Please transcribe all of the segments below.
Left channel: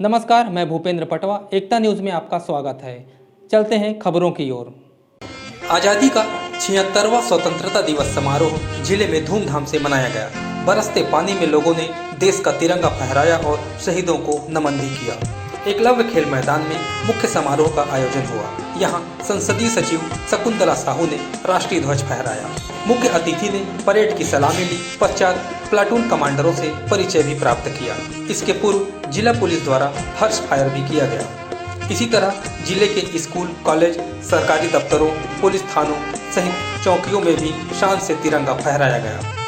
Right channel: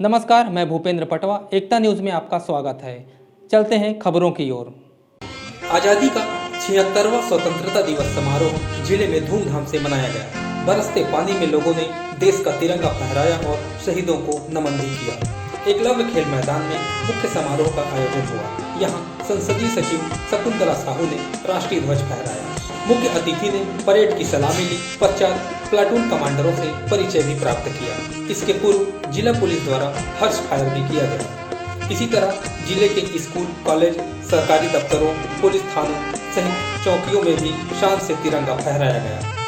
नमस्कार, मैं भूपेंद्र पटवा। एकता न्यूज़ में आपका स्वागत है। चलते हैं खबरों की ओर। आज़ादी का 76वां स्वतंत्रता दिवस समारोह जिले में धूमधाम से मनाया गया। बरसते पानी में लोगों ने देश का तिरंगा फहराया और शहीदों को नमन भी किया। एकलव्य खेल मैदान में मुख्य समारोह का आयोजन हुआ। यहाँ संसदीय सचिव शकुंतला साहू ने राष्ट्रीय ध्वज फहराया। मुख्य अतिथि ने परेड की सलामी ली। पश्चात प्लाटून कमांडरों से परिचय भी प्राप्त किया। इसके पूर्व जिला पुलिस द्वारा हर्ष फायर भी किया गया। इसी तरह जिले के स्कूल, कॉलेज, सरकारी दफ्तरों, पुलिस थानों सहित चौकियों में भी शान से तिरंगा फहराया गया।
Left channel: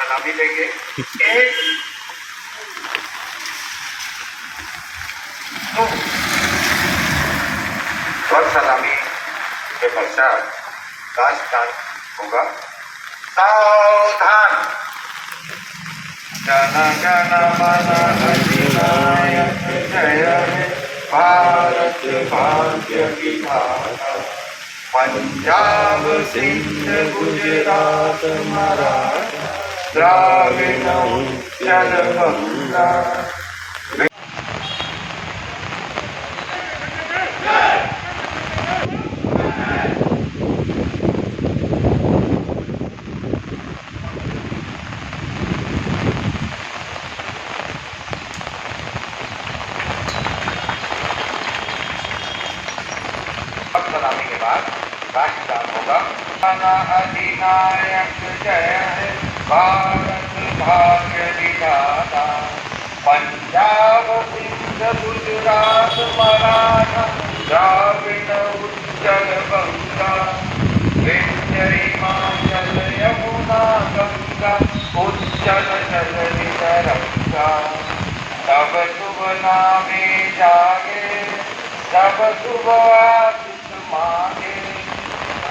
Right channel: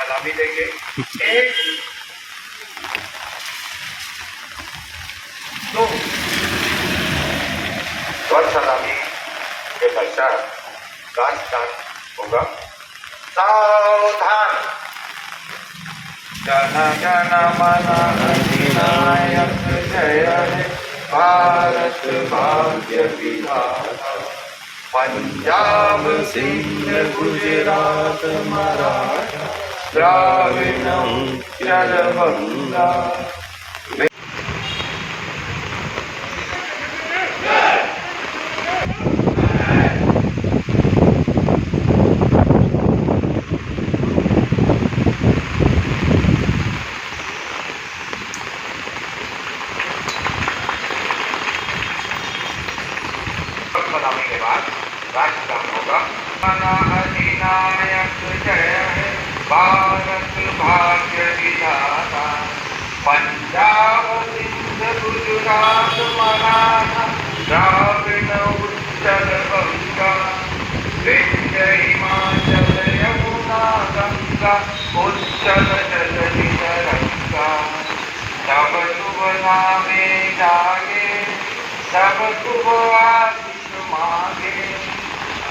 सलामी देंगे। एक, दो, और सलामी के पश्चात राष्ट्रगान होगा। सावधान। जन जन मन अधिनायक जय हे भारत भाग्य विधाता। पंजाब सिंध गुजरात मराठा द्राविड़ उत्कल बंगा। सलामी के बाद राष्ट्रगान होगा। अधिनायक जय हे भारत भाग्य विधाता। पंजाब सिंध गुजरात मराठा द्राविड़ उत्कल बंगा। विंध्य हिमाचल यमुना गंगा उच्चल जलधि तरंगा। तब शुभ नामे जागे जब शुभ आशीष मांगे।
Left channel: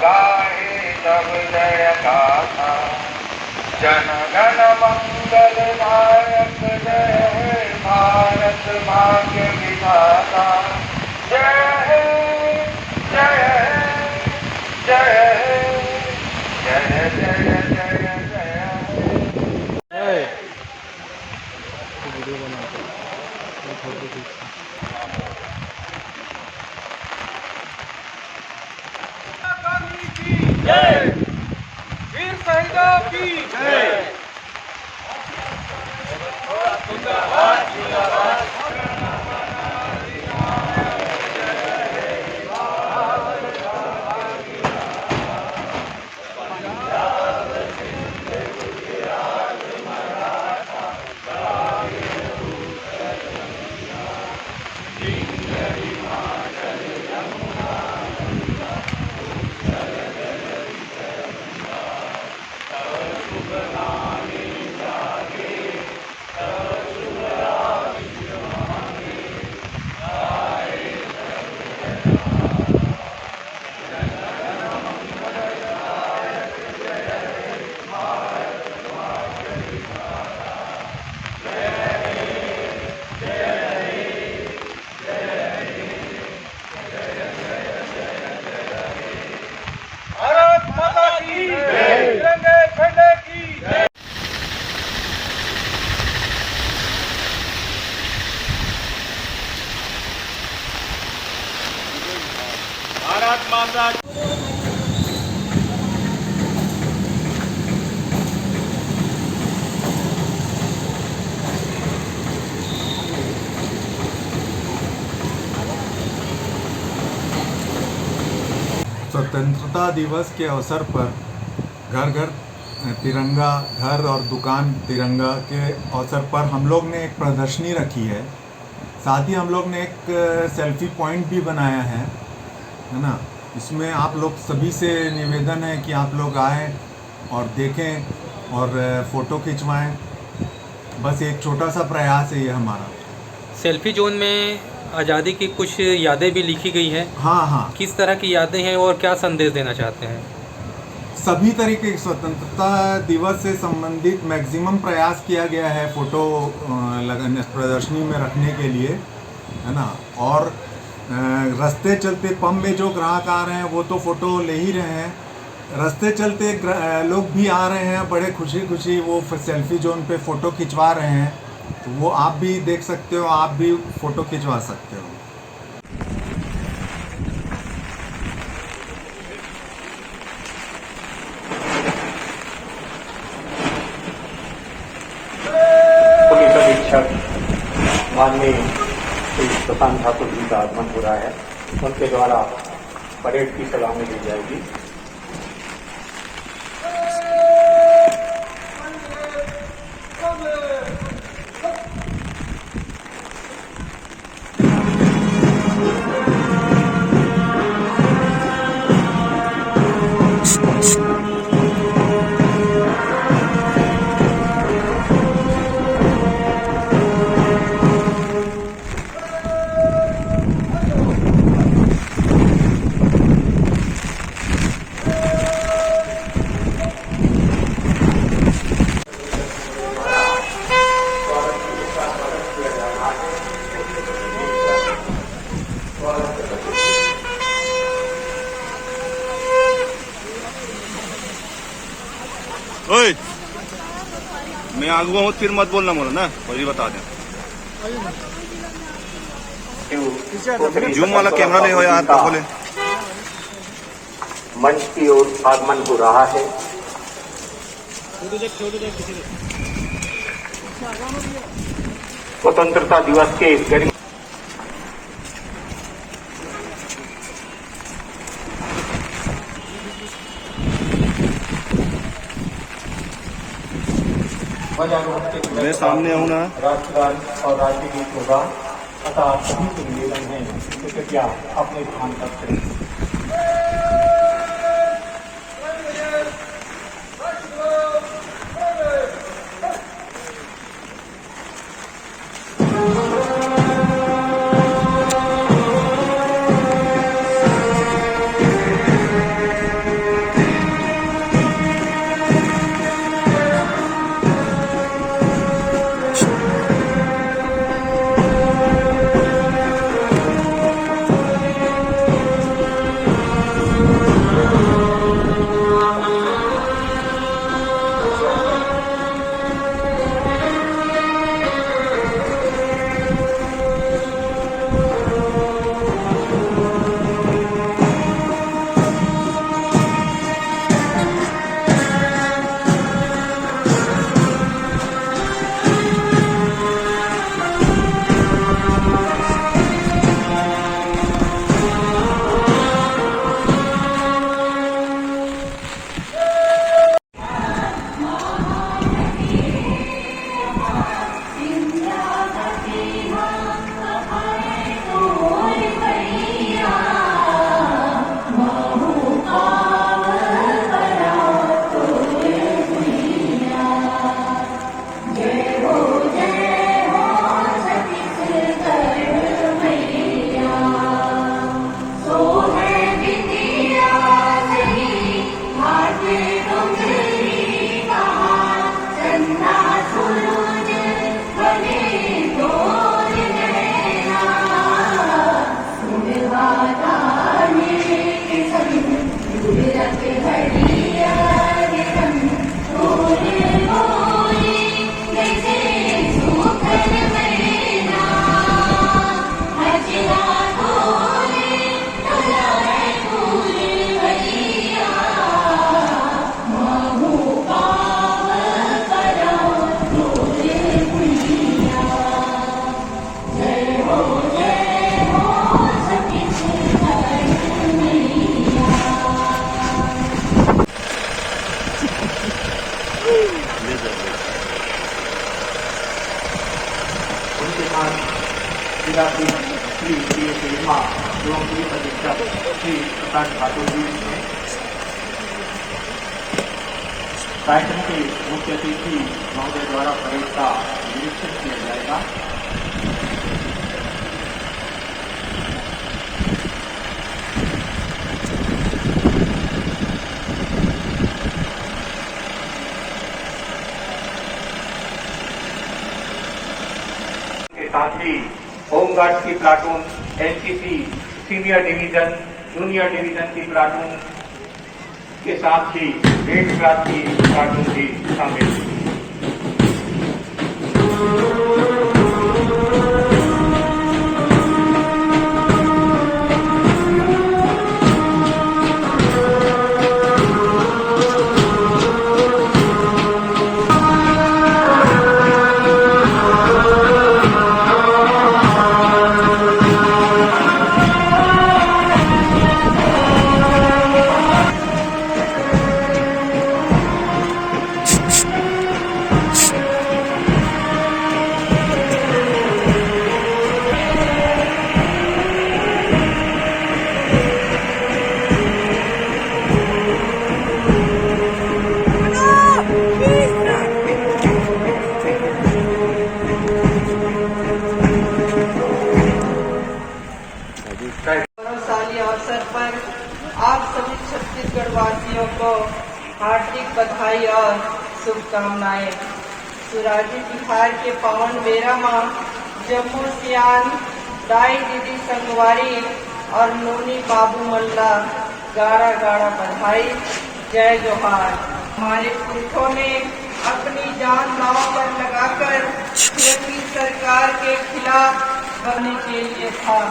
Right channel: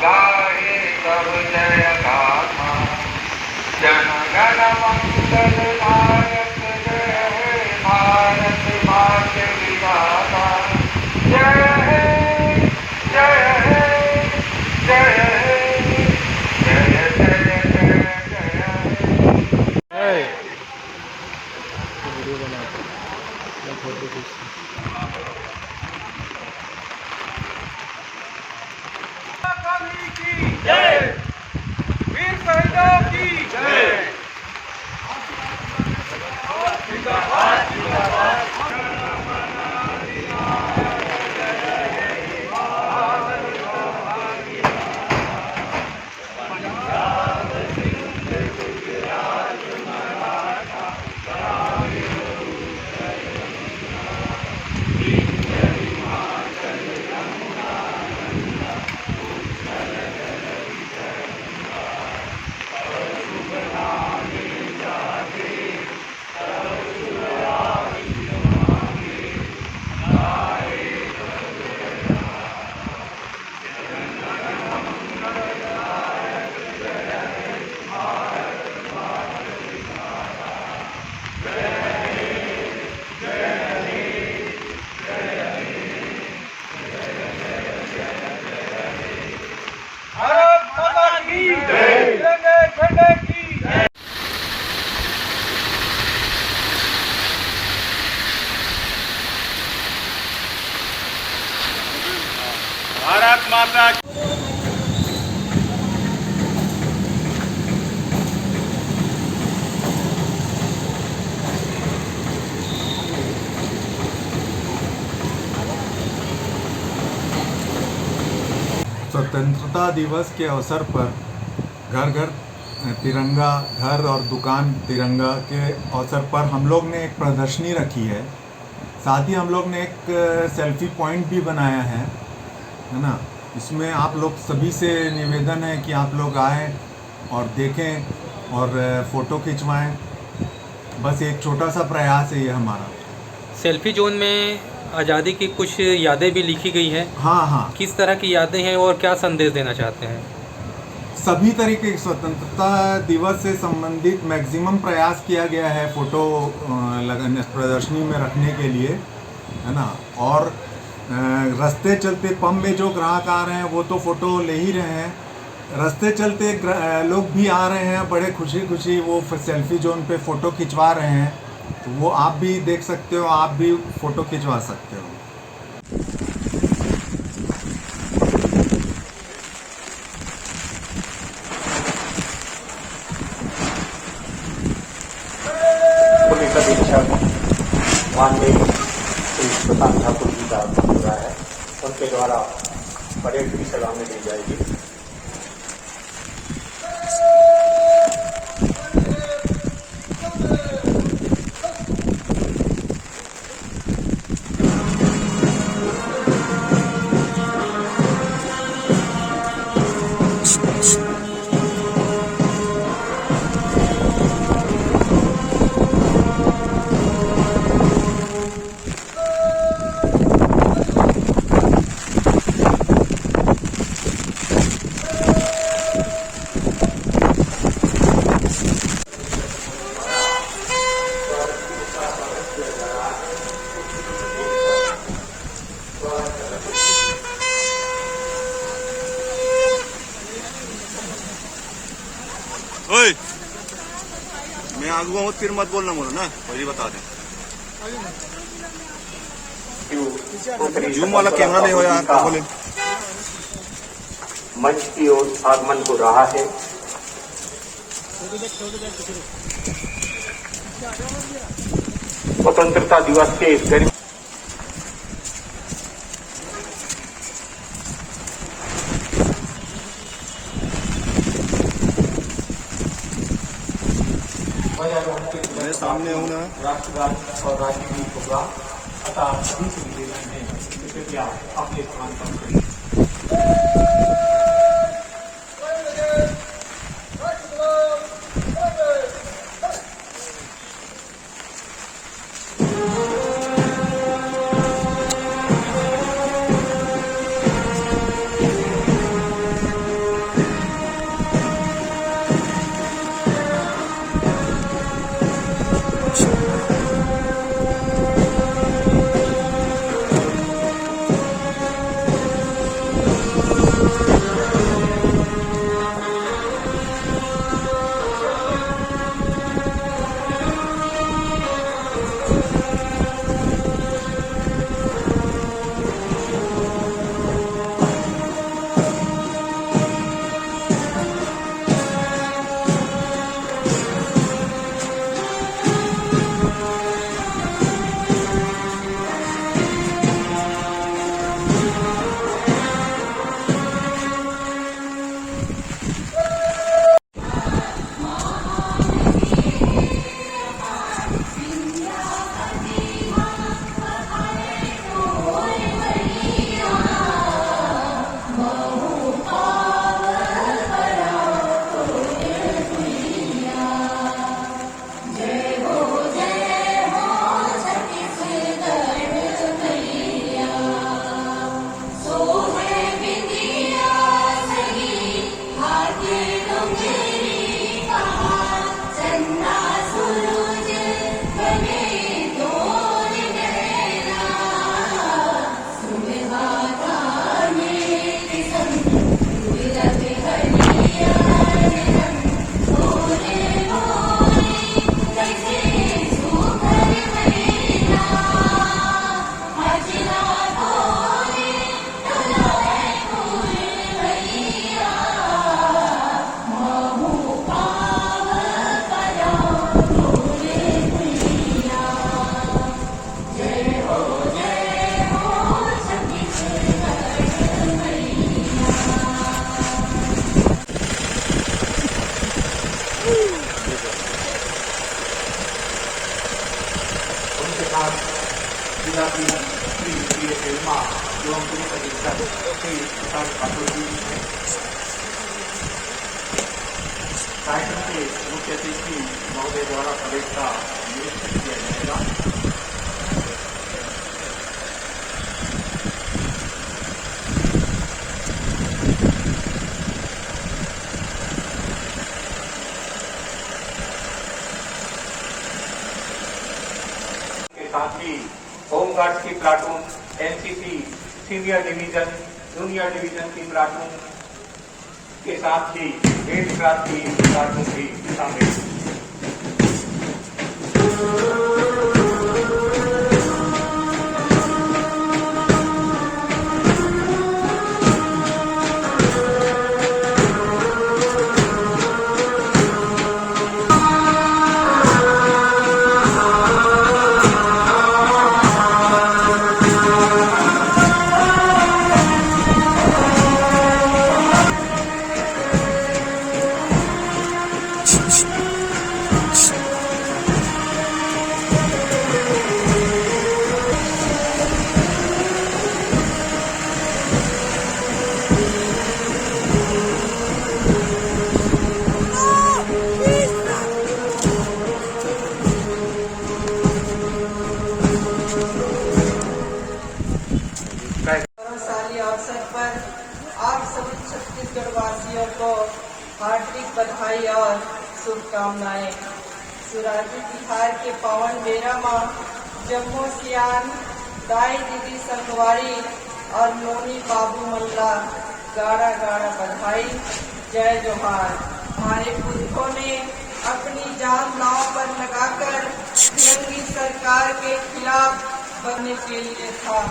गाहे तब जय गाथा जन गण मंगल नायक जय हे भारत भाग्य विधाता। जय हे जय हे जय हे जय जय जय जय हे। वीडियो बनाते हैं, फोटो खींचते की जय, वीर शहीदों की जय। स्वतंत्रता दिवस के अवसर पर घर घर तिरंगा, घर और दुकान तिरंगा के अवसर पर हम लोग ने एक प्रदर्शनी रखी है। साथ ही हम लोग ने एक सेल्फी पॉइंट भी बनाया है ना। इसमें आप लोग सभी से निवेदन है कि आप लोग आएँ और देखें और फ़ोटो खिंचवाएं। बस एक छोटा सा प्रयास है ये हमारा। सेल्फी जोन में आज़ादी की कुछ यादें भी लिखी गई हैं। हाँ हाँ, किस तरह की यादें हैं और क्या संदेश देना चाहते हैं? सभी तरीके के स्वतंत्रता दिवस से संबंधित मैक्सिमम प्रयास किया गया है फ़ोटो लगाने प्रदर्शनी में रखने के लिए, है ना। और रास्ते चलते पंप में जो ग्राहक आ रहे हैं वो तो फ़ोटो ले ही रहे हैं। रास्ते चलते लोग भी आ रहे हैं, बड़े खुशी खुशी वो सेल्फी जोन पे फ़ोटो खिंचवा रहे हैं। तो वो आप भी देख सकते हो, आप भी फ़ोटो खिंचवा सकते हो। पुलिस अधीक्षक माननीय श्री प्रशांत ठाकुर जी का आगमन हो रहा है। उनके द्वारा परेड की सलामी दी जाएगी। ओए, मैं आगुआ हूँ, फिर मत बोलना मोला ना, पहले बता दें। जूम वाला कैमरा ले हो यार, तो बोले। मंच की ओर आगमन हो रहा है। स्वतंत्रता दिवस के गर्मी मैं सामने हूँ ना। राष्ट्रगान और राष्ट्रगीत होगा अतः सभी से निवेदन है कि कृपया अपने स्थान पर करें। आज जिला की श्री एवं पुलिस अधीक्षक श्री प्रकाश ठाकुर जी ने कार्यक्रम के मुख्य अतिथि महोदय द्वारा परेड का निरीक्षण किया जाएगा। साथ ही होमगार्ड की platoon, NCC senior division, junior division की प्लाटून के साथ ही 8 क्लास की प्लाटून भी शामिल। गौरवशाली अवसर पर आप सभी छत्तीसगढ़ वासियों को हार्दिक बधाई और शुभकामनाएं। सुराजी बिहार के पावन बेरा माँ जम्मू सियान दाई दीदी संगवारी और नोनी बाबू मल्ला गाड़ा गाड़ा बधाई, जय जोहार। हमारे पुरखों ने अपनी जान दांव पर लगाकर योगी सरकार के खिलाफ बनने के लिए था।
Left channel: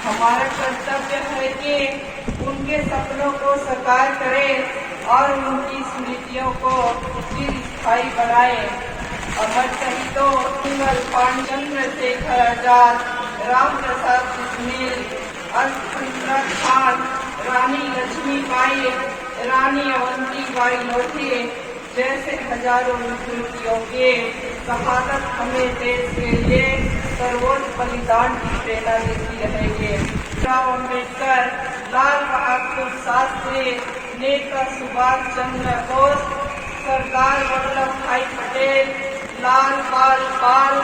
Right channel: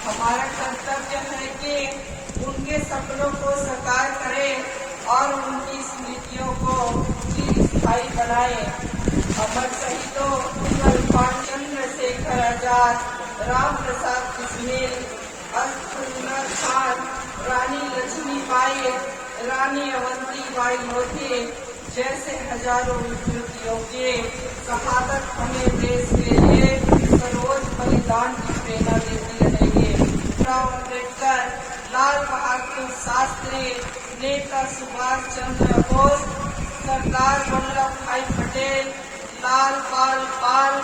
हमारा कर्तव्य है कि उनके सपनों को साकार करें और उनकी स्मृतियों को चिरस्थायी बनाएं। अमर शहीदों कुंवर पाल चंद्रशेखर आजाद, राम प्रसाद बिस्मिल, अल्लाह खान, रानी लक्ष्मीबाई, रानी अवंतीबाई लोधी जैसे हजारों विभूतियों के शहादत हमें देश के लिए सर्वोच्च बलिदान की प्रेरणा देती रहेगी। अम्बेडकर, लाल बहादुर शास्त्री, नेता सुभाष चंद्र बोस, सरदार वल्लभ भाई पटेल, लाल पाल,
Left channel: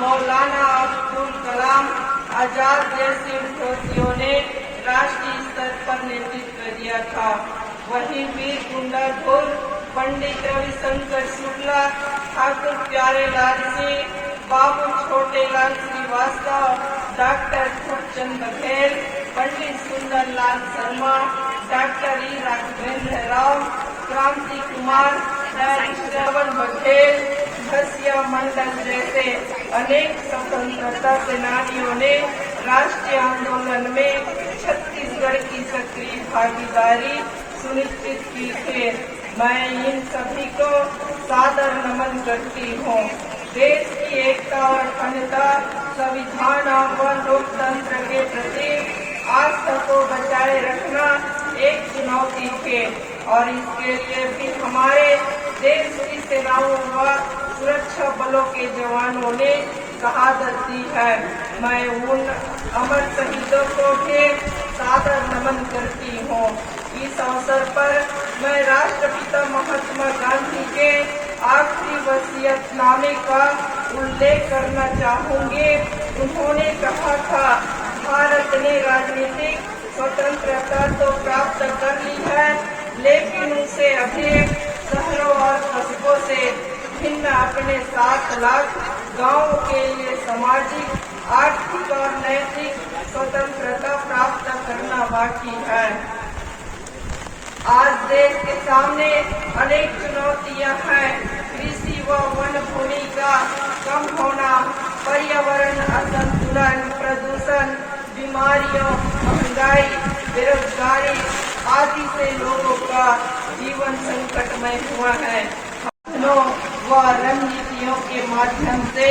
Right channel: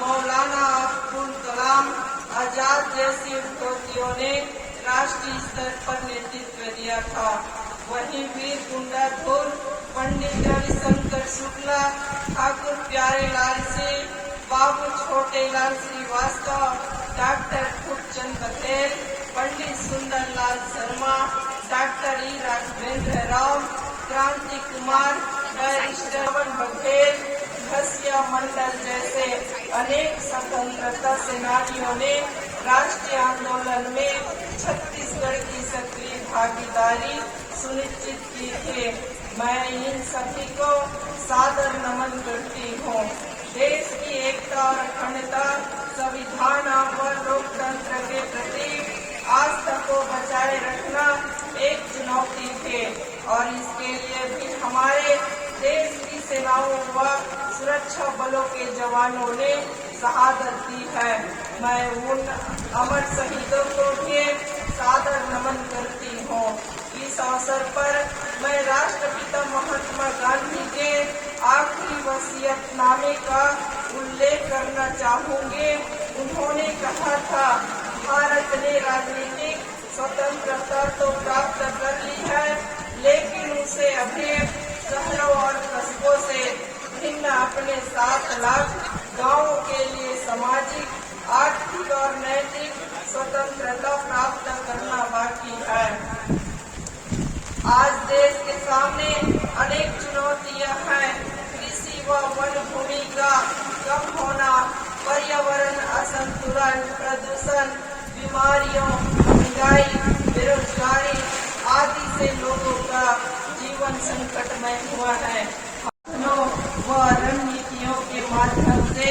मौलाना अब्दुल कलाम आजाद जैसे विभूतियों ने राष्ट्रीय स्तर पर नेतृत्व दिया था। वही वीर गुंडाधुर पंडित रविशंकर शुक्ला, ठाकुर प्यारेलाल सिंह, बाबू छोटेलाल श्रीवास्तव, डॉक्टर खूबचंद बघेल, पंडित सुंदरलाल शर्मा, डॉक्टर ई राघवेंद्र राव, क्रांति कुमार, बैरिस्टर बघेल, घसिया मंडल जैसे अनेक स्वतंत्रता सेनानियों ने राष्ट्रीय आंदोलन में छत्तीसगढ़ की सक्रिय भागीदारी सुनिश्चित की थे। मैं इन सभी को सादर नमन करती हूँ। देश की एकता और अखंडता, संविधान और लोकतंत्र के प्रति आस्था को बचाए रखना एक चुनौती थे और इसके लिए भी हमारे देश की सेनाओं व सुरक्षा बलों के जवानों ने शहादत दी है। मैं उन अमर शहीदों को भी सादर नमन करती हूँ। इस अवसर पर मैं राष्ट्रपिता महात्मा गांधी के आखिरी वसीयतनामे का उल्लेख करना चाहूंगी। उन्होंने कहा था, भारत ने राजनीतिक स्वतंत्रता तो प्राप्त कर ली है, लेकिन उसे अभी शहरों और कस्बों से भिन्न अपने 7 लाख गाँव के लिए सामाजिक, आर्थिक और नैतिक स्वतंत्रता प्राप्त करना बाकी है। आज देश के सामने अनेक चुनौतियां हैं। कृषि व वन भूमि का कम होना, पर्यावरण असंतुलन, प्रदूषण, बीमारियों, महंगाई, बेरोजगारी आदि से लोगों का जीवन संकटमय हुआ है। व रणनीतियों के माध्यम से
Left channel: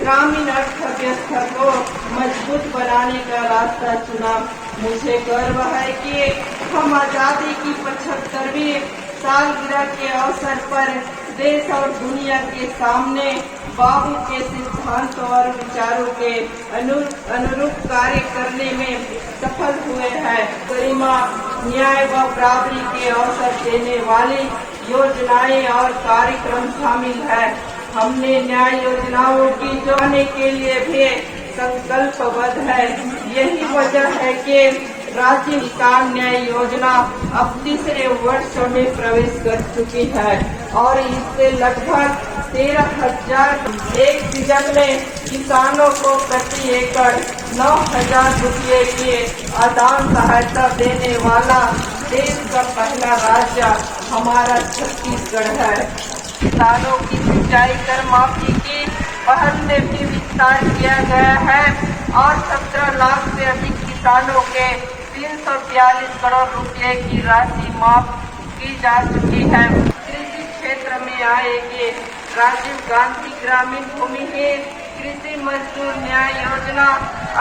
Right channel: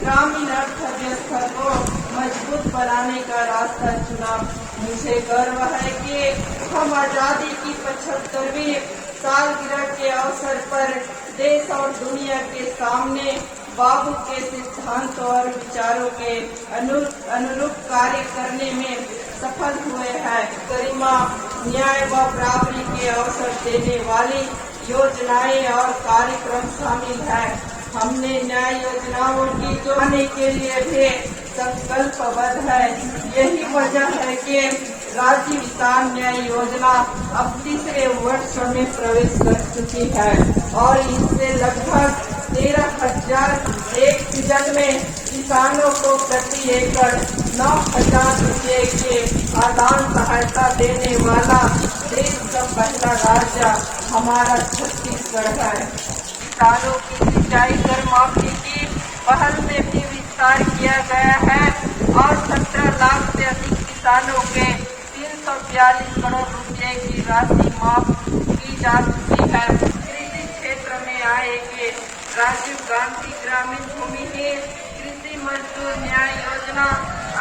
ग्रामीण अर्थव्यवस्था को मजबूत बनाने का रास्ता चुना। मुझे गर्व है कि हम आजादी की 75वीं सालगिरह के अवसर पर देश और दुनिया के सामने बाबू के सिद्धांतों और विचारों के अनुरूप कार्य करने में सफल हुए हैं। गरिमा, न्याय व बराबरी के अवसर देने वाली योजनाएं और कार्यक्रम शामिल है। हमने न्याय योजनाओं की जोड़ने के लिए भी संकल्पबद्ध है। यही वजह है कि राज्य किसान न्याय योजना अब तीसरे वर्ष में प्रवेश कर चुकी है और इससे लगभग 13,000 एक सीजन में किसानों को प्रति एकड़ 9,000 रुपये की आदान सहायता देने वाला देश का पहला राज्य हमारा छत्तीसगढ़ है। किसानों की सिंचाई कर माफी की पहल में भी विस्तार किया गया है और 17 लाख से अधिक किसानों के 342 करोड़ रुपए की राशि माफ की जा चुकी है। कृषि क्षेत्र में आएगी राजीव गांधी ग्रामीण भूमिहीन कृषि मजदूर न्याय योजना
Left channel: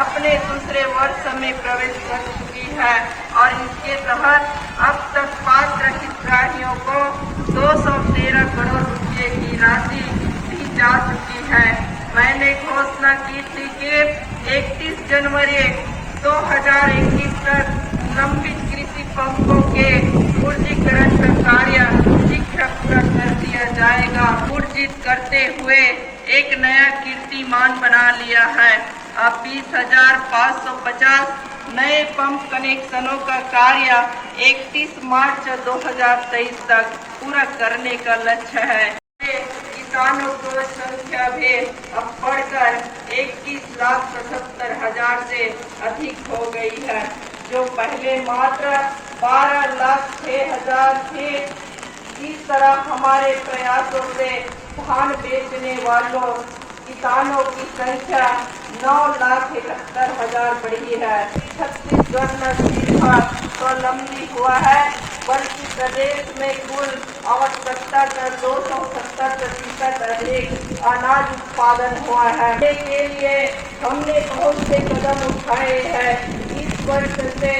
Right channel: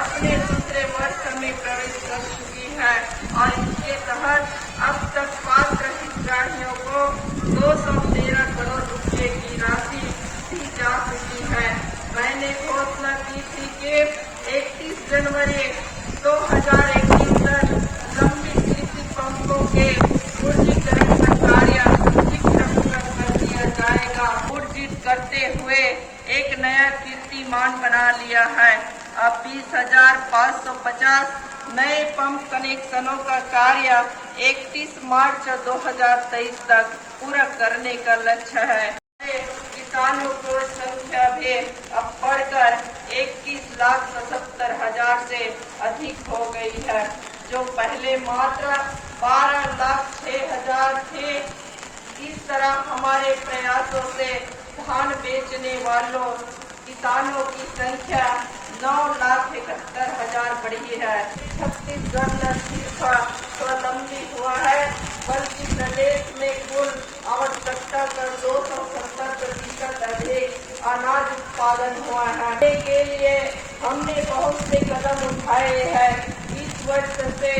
अपने दूसरे वर्ष में प्रवेश कर चुकी है और इसके तहत अब तक पात्र हितग्राहियों को 213 करोड़ रुपए की राशि दी जा चुकी है। मैंने घोषणा की थी कि 31 जनवरी 2021 तक लंबित कृषि पंपों के ऊर्जीकरण का कार्य पूरा कर दिया जाएगा। ऊर्जित करते हुए एक नया कीर्तिमान बना लिया है। अब 20,550 नए पंप कनेक्शनों का कार्य 31 मार्च 2023 तक पूरा करने का लक्ष्य है। किसानों की संख्या भी अब बढ़कर 21,77,000 से अधिक हो गई है, जो पहले मात्र 12,06,000 थे। इस तरह हमारे प्रयासों से धान बेचने वालों किसानों की संख्या 9,71,000 बढ़ी है। छत्तीसगढ़ न सिर्फ स्वावलंबी हुआ है बल्कि प्रदेश में कुल आवश्यकता का 270% अधिक अनाज उत्पादन हुआ है। के लिए हमने बहुत से कदम उठाए हैं। इस वर्ष से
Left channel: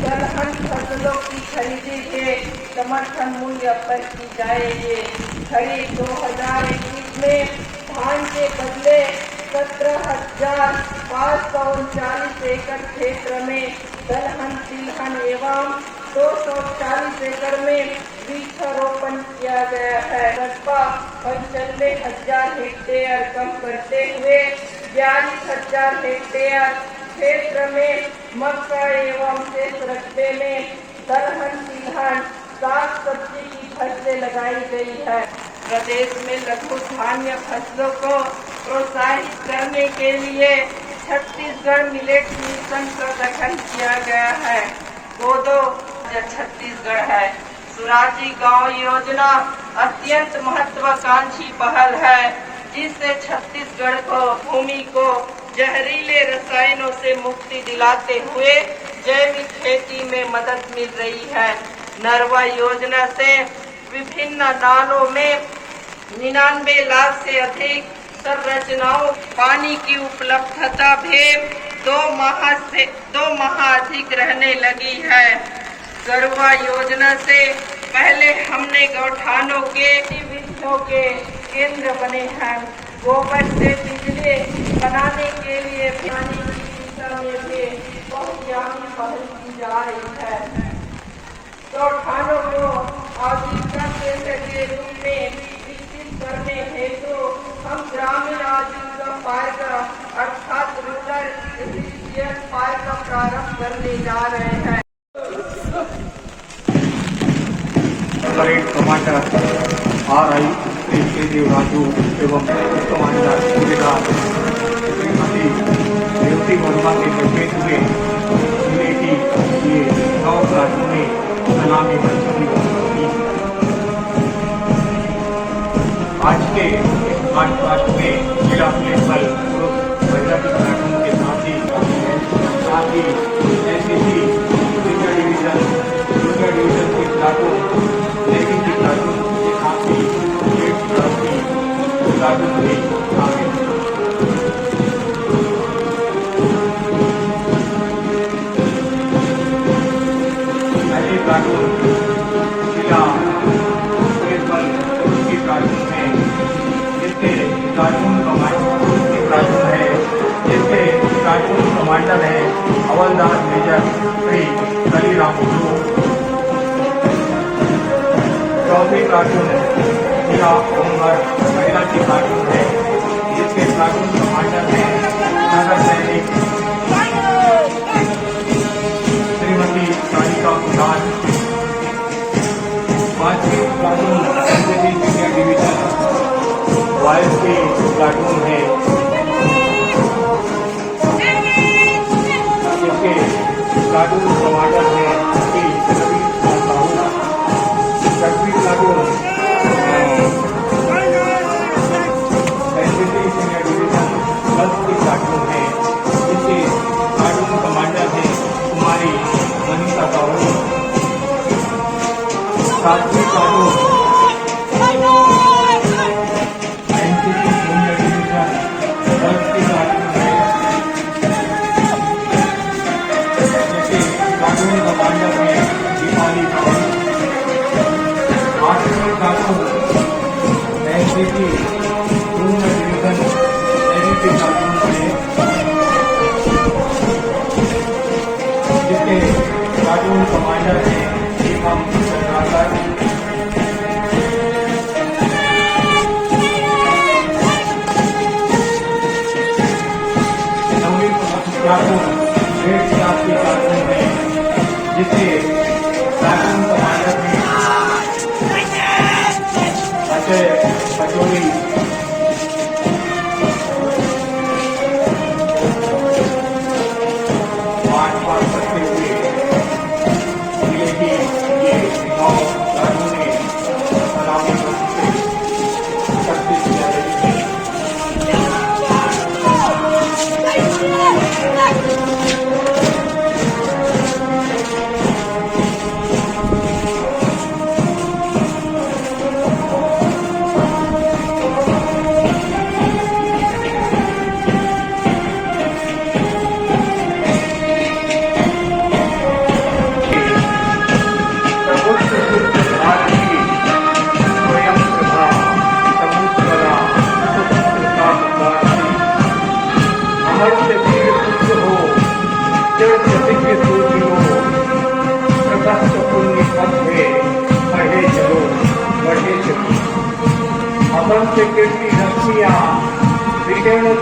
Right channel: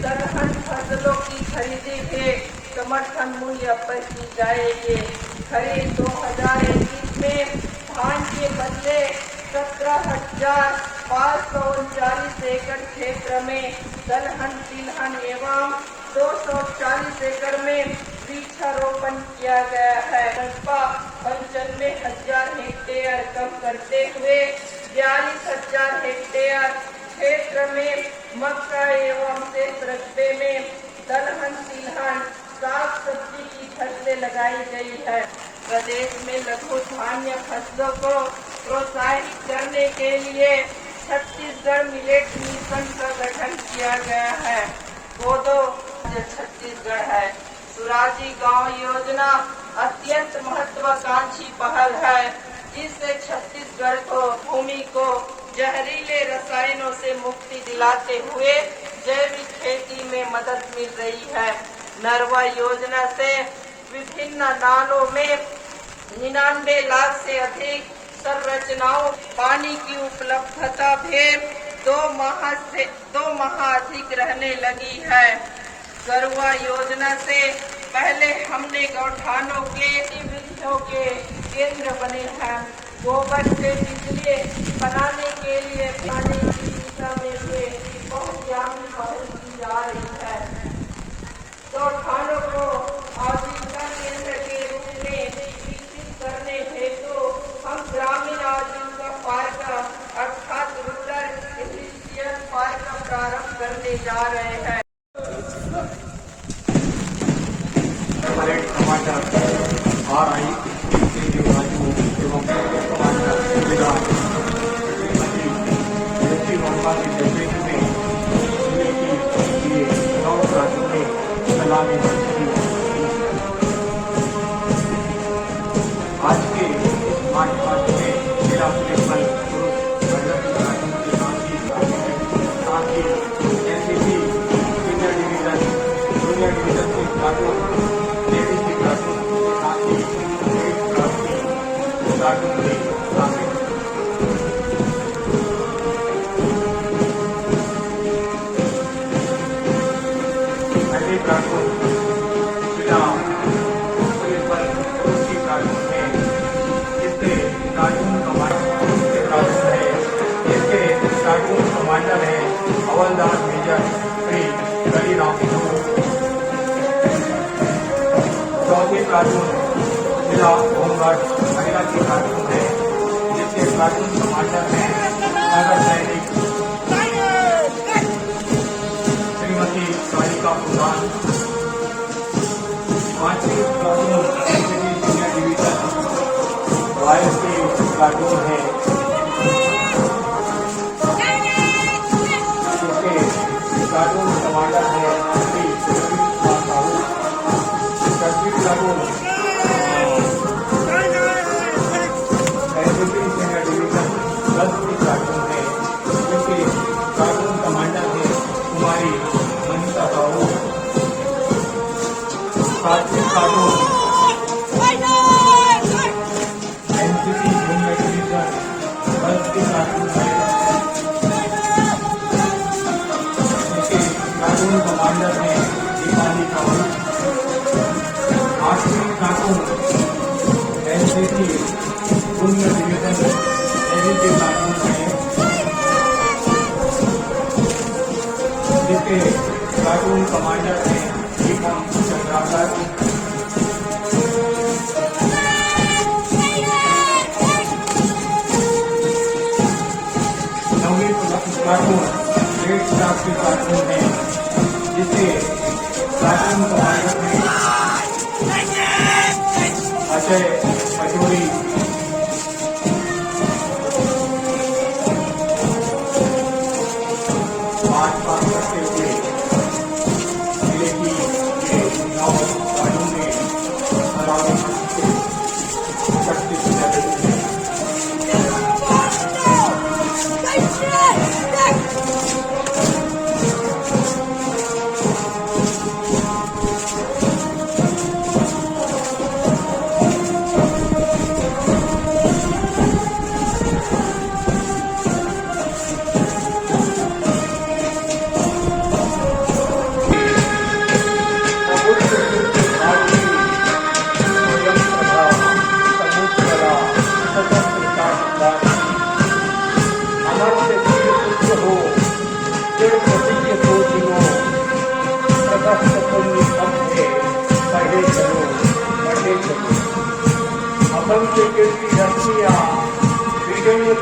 दलहन फसलों की खरीदी के समर्थन मूल्य पर की जाएगी। खरीद 2021 में धान के बदले 17,539 एकड़ क्षेत्र में दलहन तिलहन एवं 240 एकड़ में वृक्षारोपण किया गया है। लगभग 95,000 हेक्टेयर कम करते हुए 42,000 हेक्टेयर क्षेत्र में मक्का एवं शेष रकबे में दलहन तिलहन साग सब्जी की फसलें लगाई गई है। प्रदेश में लघु धान्य फसलों को प्रोत्साहित करने के लिए छत्तीसगढ़ मिलेट मिशन का गठन किया गया है। कोदो छत्तीसगढ़ है। सुराजी गांव योजना अत्यंत महत्वाकांक्षी पहल है, जिससे छत्तीसगढ़ को भूमि को जहरीले रसायनों से मुक्ति दिलाते हुए जैविक खेती में मदद मिल रही है। नरवा योजना से विभिन्न नालों में 99 लाख से अधिक संरचनाओं पानी की उपलब्धता भी 2 माह अधिक रहने लगी है। गरवा योजना से पहले हमने गौठानों के गतिविधियों के केंद्र बने हैं। गोबर से बिजली बनाने के लिए पानी की दिशा में भी बहुत ज्यादा पहल की जा रही है। गौठानों को आजीविका केंद्र के रूप में विकसित करने हेतु हम ग्रामीण आजीविका पार्क अर्थात रूरल एफिशिएंसी पार्क का प्रारंभ करने जा रहे हैं। कमांडर RI के राजू एवं कमांडर सूबेदार श्रीमती रेवती वर्मा के नेतृत्व में जिले की ये 9 राज्यों में सलामी आज के इस मार्च में जिला पुलिस बल महिला के साथ ही NCC प्लाटून या होमगार्ड महिला की प्लाटून है, जिसके प्लाटून कमांडर हैं नगर सैनिक श्रीमती सारिका प्रधान। 5वीं प्लाटून एनसीसी सीनियर डिवीजन वायु की प्लाटून है, जिसके प्लाटून कमांडर हैं श्री रवि कुमार साहू। 6वीं प्लाटून एनसीसी सीनियर डिवीजन 10 की प्लाटून है, जिसके प्लाटून कमांडर हैं कुमारी मनीषा साहू। 7वीं प्लाटून एनसीसी सीनियर डिवीजन 10 की प्लाटून है, जिसके प्लाटून कमांडर हैं दीपाली साहू। 8वीं प्लाटून एनसीसी जूनियर डिवीजन 11 की प्लाटून है, जिसके प्लाटून कमांडर हैं दीपम चंद्राकर। 9वीं प्लाटून रेड स्टार की प्लाटून है, जिसके प्लाटून कमांडर हैं अजय पचौरी। 8 पास करते हुए जिले की ये 9 प्लाटूनें सलामी से शक्ति किया गई है।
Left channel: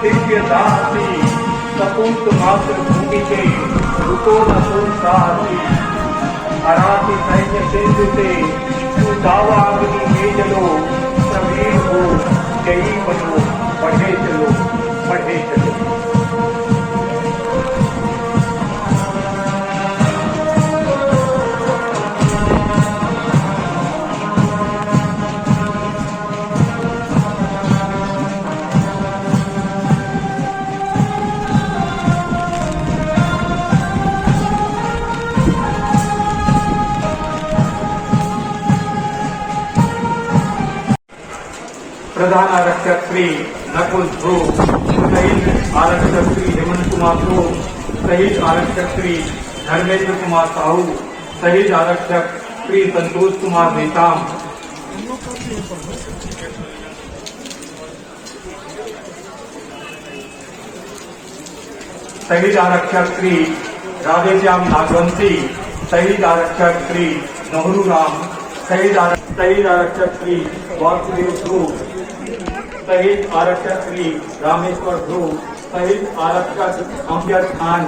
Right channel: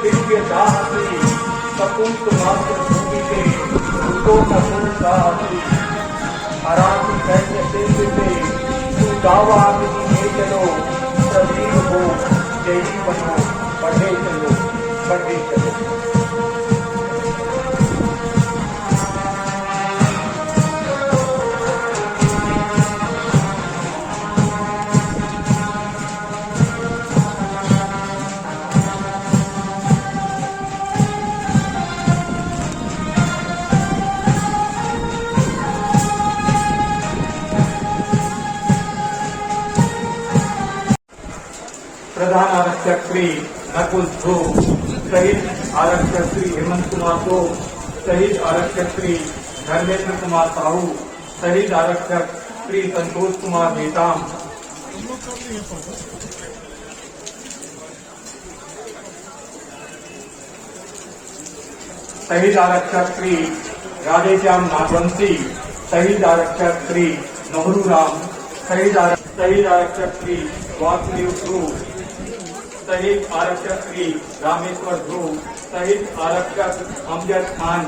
दिव्य दासी सपूत मातृभूमि के ऋतो नपुंसाहसी हराती सैन्य सेतुते सुदावा नगरी में चलो सवीर हो जयी बनो बढ़े चलो बढ़े चलो। प्रधान आरक्षक श्री नकुल ध्रुव, शहीद आरक्षक श्री हेमंत कुमार को, शहीद आरक्षक श्री धर्मेंद्र कुमार साहू, शहीद आरक्षक श्री संतोष कुमार नेताम, शहीद आरक्षक श्री राधेश्याम नागवंशी, शहीद आरक्षक श्री नहरू राम, शहीद आरक्षक श्री वासुदेव ध्रुव, शहीद आरक्षक श्री रामेश्वर ध्रुव, शहीद आरक्षक अमजद खान,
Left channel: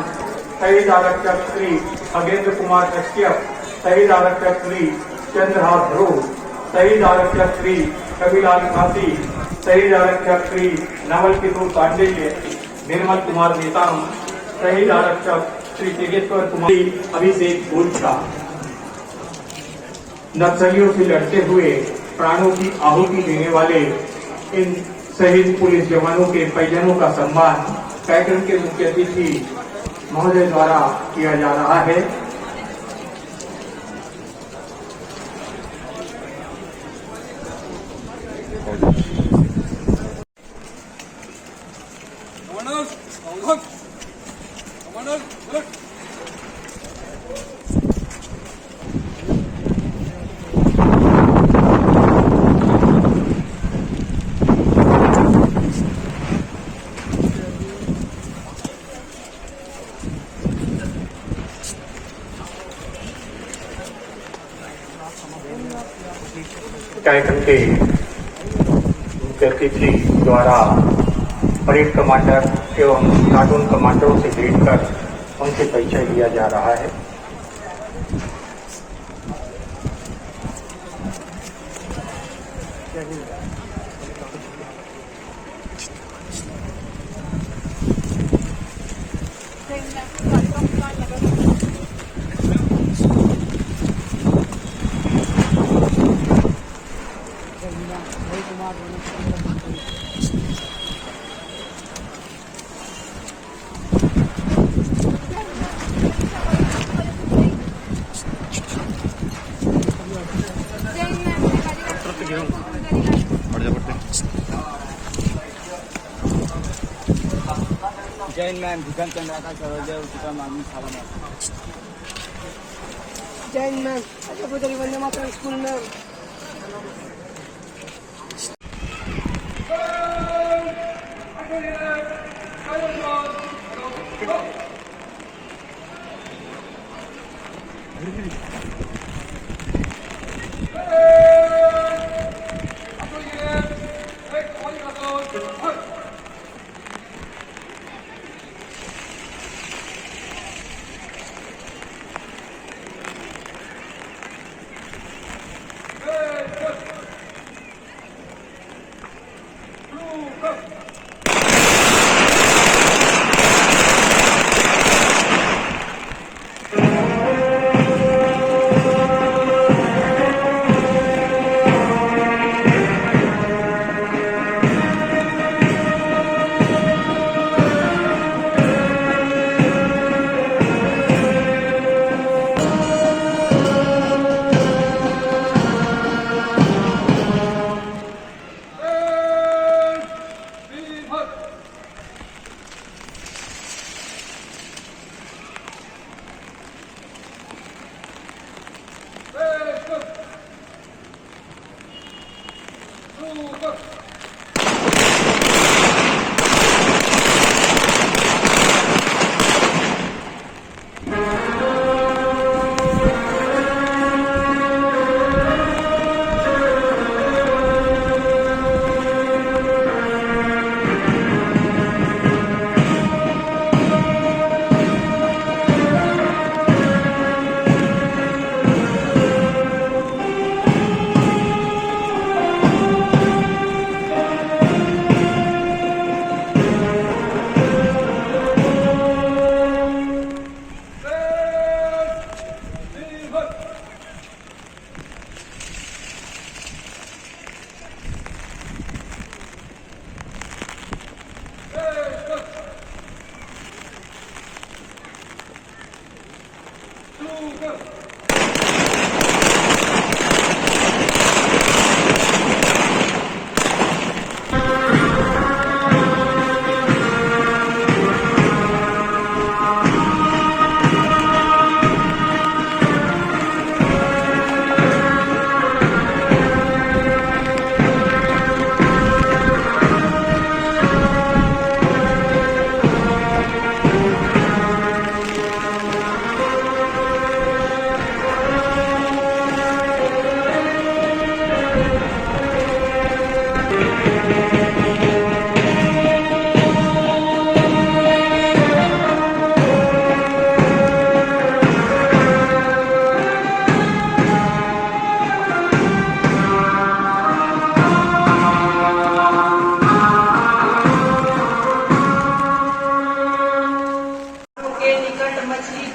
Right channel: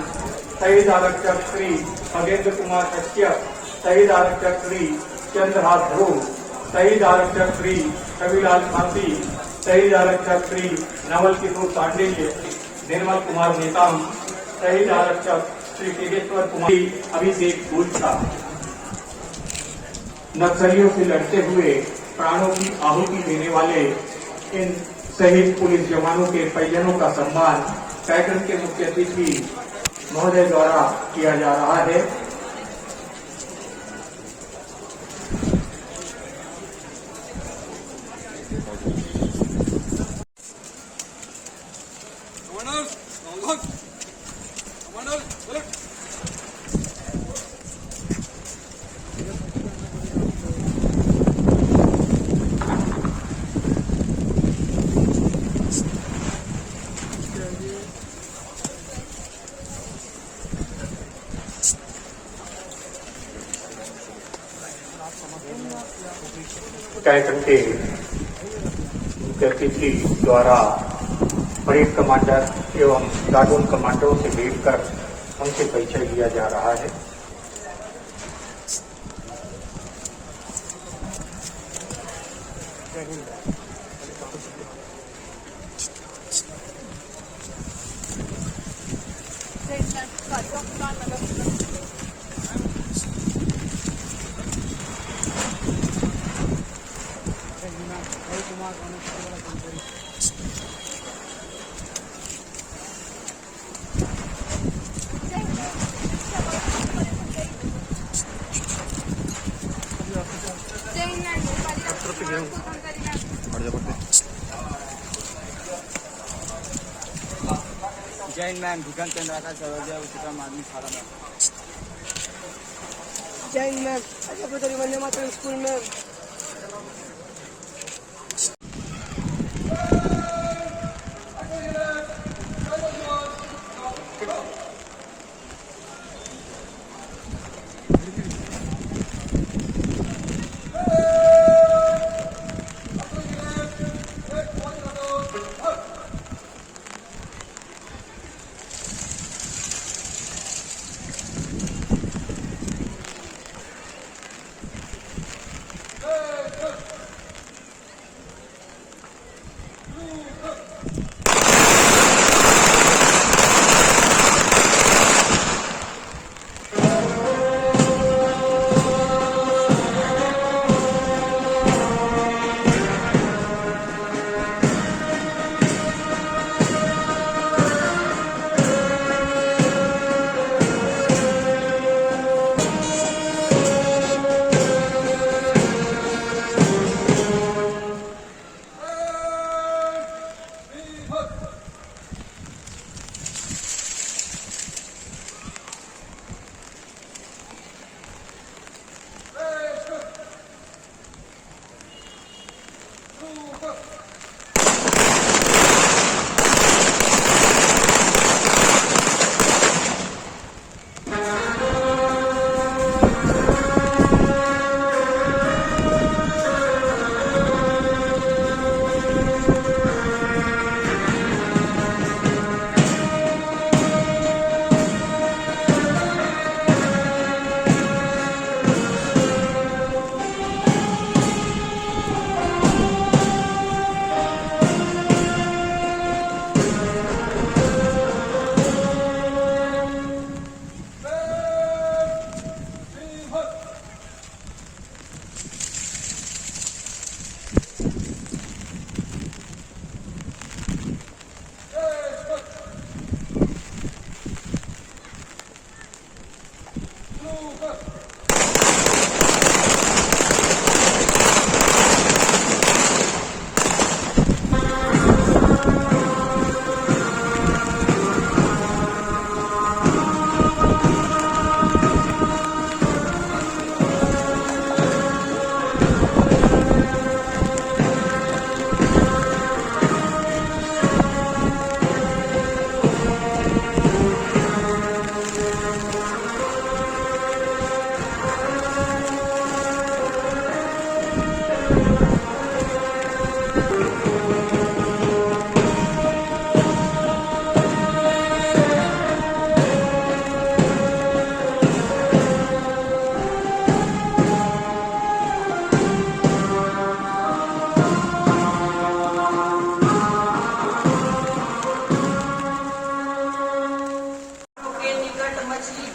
शहीद आरक्षक श्री खगेंद्र कुमार कश्यप, शहीद आरक्षक श्री चंद्रहास ध्रुव, शहीद आरक्षक श्री कविलाल फांसी, शहीद आरक्षक श्री नवल किशोर पांडेय, निर्मल कुमार नेताम, शहीद आरक्षक श्री तेजेश्वर कुमार, अभिषेक गोरछा। नक्सलियों से लड़ते हुए प्राणों की आहुति देने वाले इन शहीद पुलिस जवानों के परिजनों का सम्मान कार्यक्रम के मुख्य अतिथि महोदय द्वारा किया जा रहा है। कैडर के सेक्रेटरी द्वारा परेड कमांडर एवं प्लाटून कमांडरों से भेंट कर उनसे परिचय लिया जा रहा है। जैन मैन भूषण चंद्राका सरोजय उच्चतम माध्यमिक शाला में जैन मैन अजय वंदे मातरम स्कूल में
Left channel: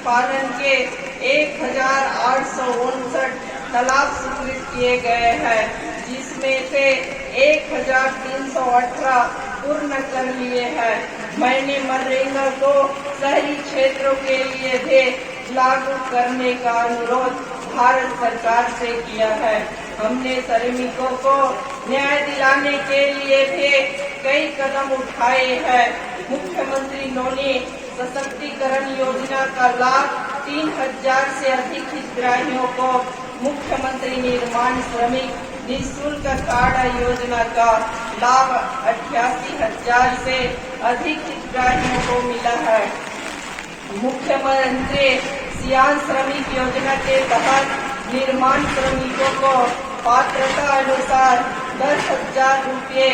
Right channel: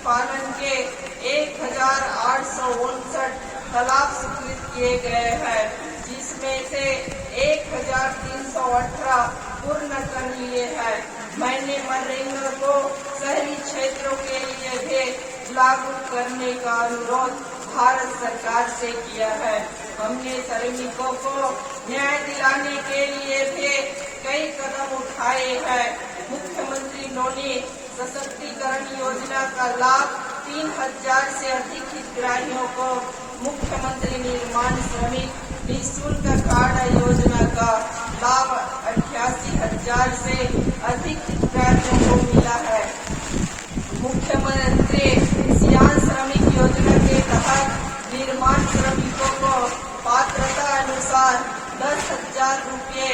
पालन के 1859 तालाब स्वीकृत किए गए हैं, जिसमें से 1318 पूर्ण कर लिए हैं। मैंने मनरेगा को शहरी क्षेत्रों के लिए भी लागू करने का अनुरोध भारत सरकार से किया है। हमने श्रमिकों को न्याय दिलाने के लिए भी कई कदम उठाए हैं। मुख्यमंत्री नोनी सशक्तिकरण योजना का लाभ 3000 से अधिक हितग्राहियों को, मुख्यमंत्री निर्माण श्रमिक निःशुल्क कार्ड योजना का लाभ 88,000 से अधिक हितग्राहियों को मिला है। मुख्यमंत्री सियान श्रमिक योजना के तहत निर्माण श्रमिकों को पात्रता अनुसार 10,000 रुपये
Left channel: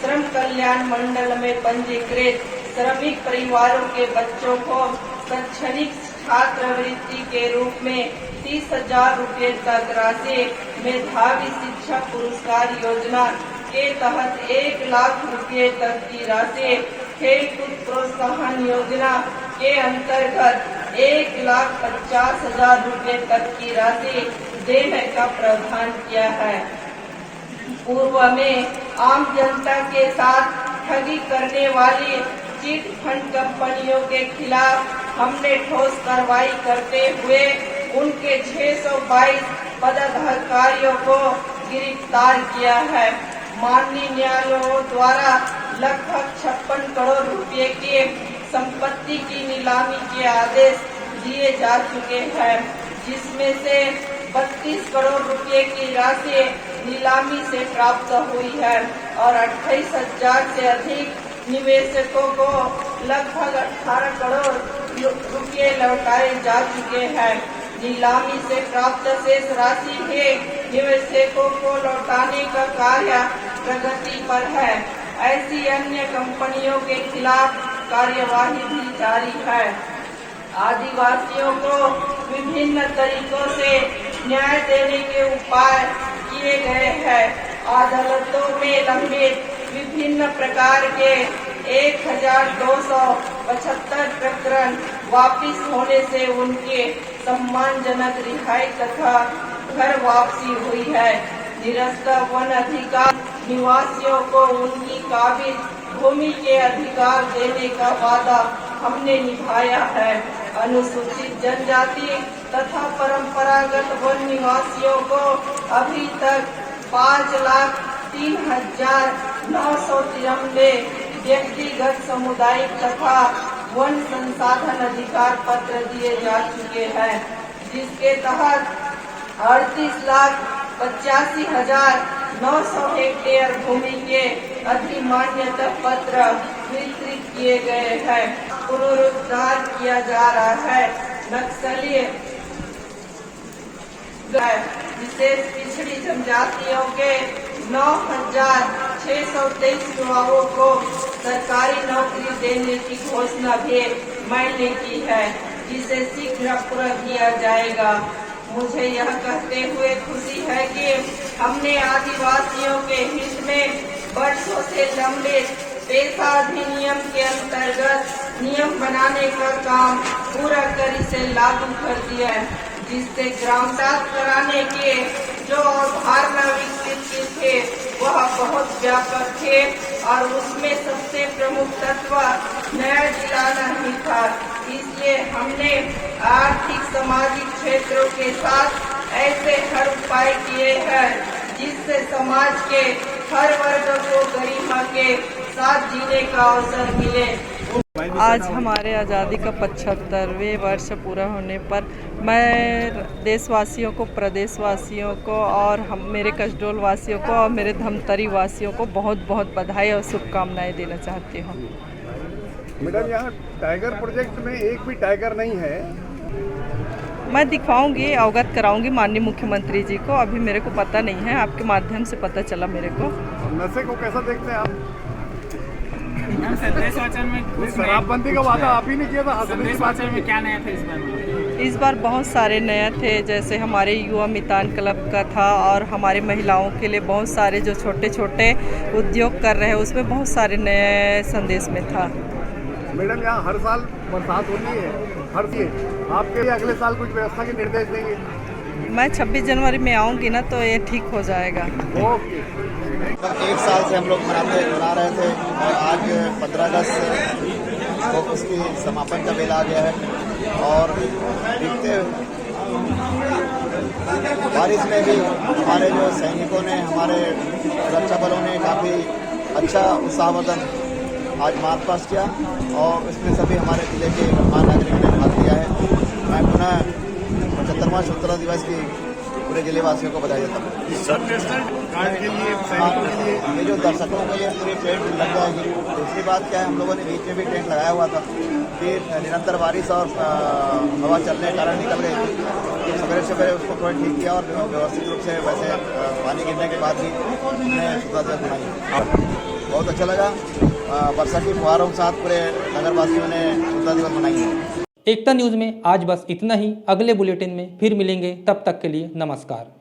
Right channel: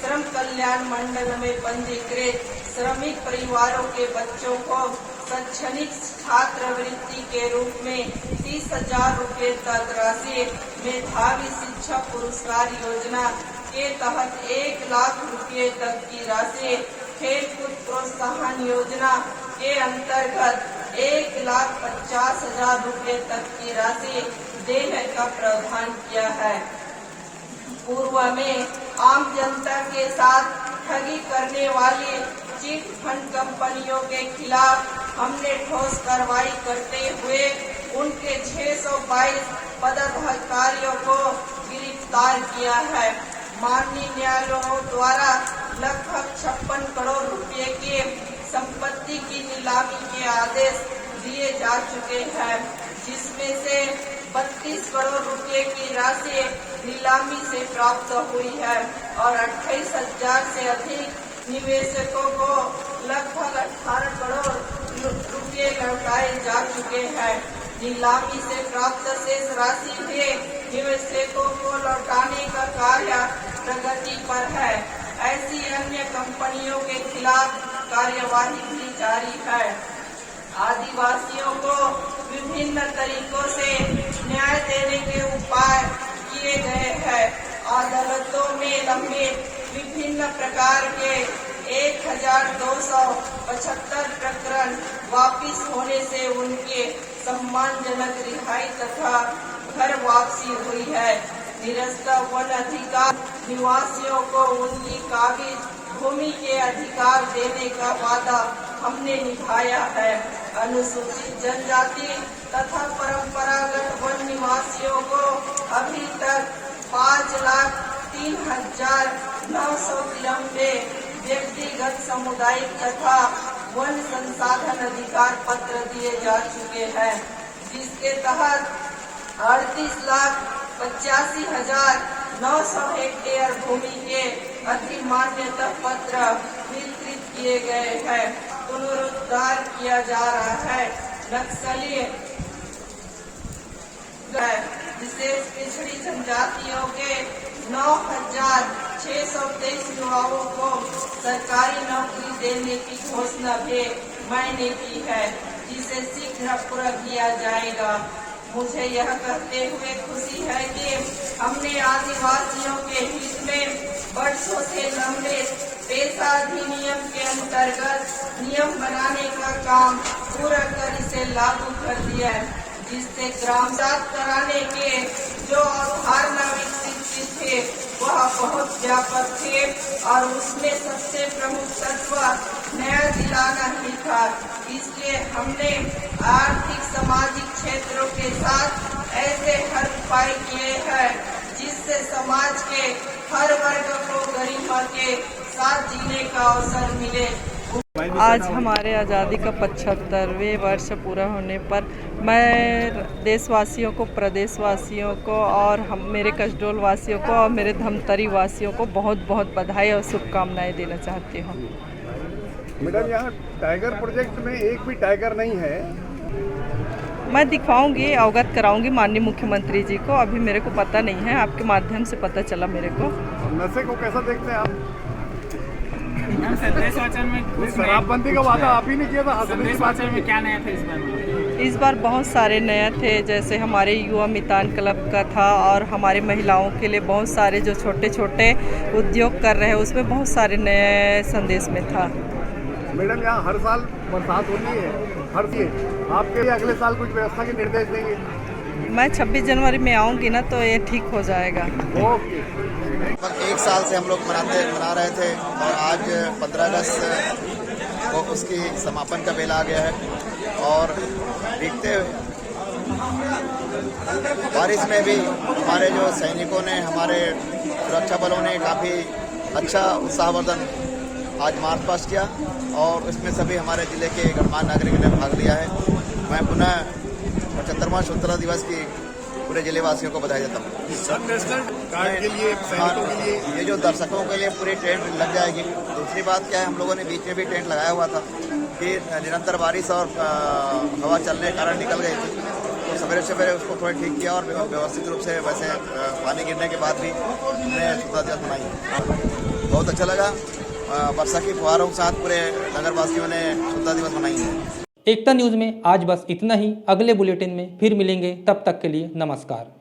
श्रम कल्याण मंडल में पंजीकृत श्रमिक परिवारों के बच्चों को शैक्षणिक छात्रवृत्ति के रूप में 30,000 रुपये तक राशि, मेधावी शिक्षक पुरस्कार योजना के तहत 1 लाख रुपये तक की राशि, खेलकूद प्रोत्साहन योजना के अंतर्गत 1,50,000 रुपये तक की राशि देने का प्रावधान किया है। पूर्व में आम जनता के साथ ठगी करने वाली चिट फंड कंपनियों के खिलाफ हमने ठोस कार्रवाई करते हुए उनके 622 पदाधिकारियों को गिरफ्तार किया है। माननीय न्यायालयों द्वारा लगभग 56 करोड़ रुपए की संपत्ति की नीलामी के आदेश दिए जा चुके हैं, जिसमें से 32 करोड़ रुपए की राशि नीलामी से प्राप्त हुई है और 28,000 से अधिक निवेशकों को लगभग 18 करोड़ रुपए लौटाए जा चुके हैं। नीलामी से प्राप्त शेष राशि भी निवेशकों को लौटाने का कार्य प्रगति पर है। ऐसी अन्य कंपनियों के खिलाफ कार्यवाही भी जारी है। आदिवासियों को विभिन्न तरीकों से न्याय देने के उपाय किए गए हैं। अदालतों में लंबित विभिन्न प्रकार के 1,275 प्रकरण वापिस होने से उनके सम्मानजनक रिहाई तथा घर वापसी हुई है। निरस्त वन अधिकार निवासियों को उनकी काबिज भूमि के अधिकार देने का वादा हमने निभाया है। अनुसूचित जनजाति तथा परंपरागत वन निवासियों को अभी तक 5,03,993 व्यक्तिगत सामुदायिक तथा वन संसाधन अधिकार पत्र दिए जा चुके हैं, जिसके तहत 38,85,900 हेक्टेयर भूमि के अधिमान्यता पत्र वितरित किए गए हैं। पुनरुद्धार किया जा रहा है। नक्सली विशेष पिछड़ी जनजातियों के 9,623 युवाओं को सरकारी नौकरी देने की घोषणा भी मैंने की है, जिसे शीघ्र पूरा किया जाएगा। मुझे यह कहते हुए खुशी है कि हमने आदिवासियों के हित में वर्षों से लंबे पेशा अधिनियम के अंतर्गत नियम बनाने का काम पूरा कर इसे लागू कर दिया है, जिससे ग्राम साफ कराने के जो अवधारणा विकसित की थे वह बहुत व्यापक थे और उसमें सबसे प्रमुख तत्व न्याय दिलाना ही था। इसलिए हमने आर्थिक सामाजिक क्षेत्रों के साथ ऐसे हर उपाय किए हैं जिससे समाज के हर वर्ग को गरिमा के साथ जीने का अवसर मिले। आज हमारे आज़ादी का 75वें वर्ष पूरा होने पर मैं देशवासियों को, प्रदेशवासियों को और मेरे कसडोल वासियों को और मेरे धमतरी वासियों को बहुत बहुत बधाई और शुभकामनाएं देना चाहती हूँ। मैडम, यहाँ टाइगर प्रोजेक्ट में एक भी टाइगर नहीं है। मैं दिखवाऊंगी, अवगत कराऊंगी माननीय मुख्यमंत्री जी को। अभी मेरे को पता नहीं है, आपके माध्यम से पता चला मेरे को। नशे को कैसा देखते हैं आप? संदेश वाचन में शराबबंदी का वादा आप ही ने किया था। संदेश वाचन में क्या नया था इस बार? इस बार बहुत सारे नए थे, जैसे हमारे युवा मितान क्लब का था और हमारी महिलाओं के लिए बहुत सारे जो छोटे छोटे उद्योग कर रहे हैं उसमें बहुत सारे नए संदेश में था। मैडम, यहाँ हर साल बरसात होती है, आपके लिए अगले साल कुछ व्यवस्था के निर्देश देंगे? मैं 26 जनवरी में आऊँगी ना, तो ये ठीक हो जाएगा। ओके। एक साल से हम लोग मना रहे थे और आज 15 अगस्त को उसकी समापन का बेला आ गया है। और बीतते बारिश में भी हमारे जो सैनिकों ने, हमारे सुरक्षा बलों ने काफ़ी अच्छा उत्साहवर्धन आज मार्च पास्ट किया और उसमें सभी हमारे जिले के गणमान्य नागरिकों ने भाग लिया है। मैं पुनः 75वां स्वतंत्रता दिवस की पूरे जिलेवासियों को बधाई देता हूँ। ये जो दर्शकों को ये पूरी टेंट लग जाएगी। दूसरी बात क्या है, हम लोगों ने बीच में भी टेंट लगाया हुआ था, फिर निरंतर बारिश और हवा चलने के कारण निकल गई थी। तो सवेरे सबसे पहले उसको थोड़ा ठीक किया और व्यवस्थित रूप से वैसे पानी गिरने के बाद भी हमने स्वतंत्रता दिवस मनाई। बहुत अच्छा लगा। वर्षा की फुहारों के साथ पूरे नगरवासियों ने स्वतंत्रता दिवस मनाई है। एकता न्यूज़ में आज बस इतना ही। अगले बुलेटिन में फिर मिलेंगे, तब तक के लिए नमस्कार।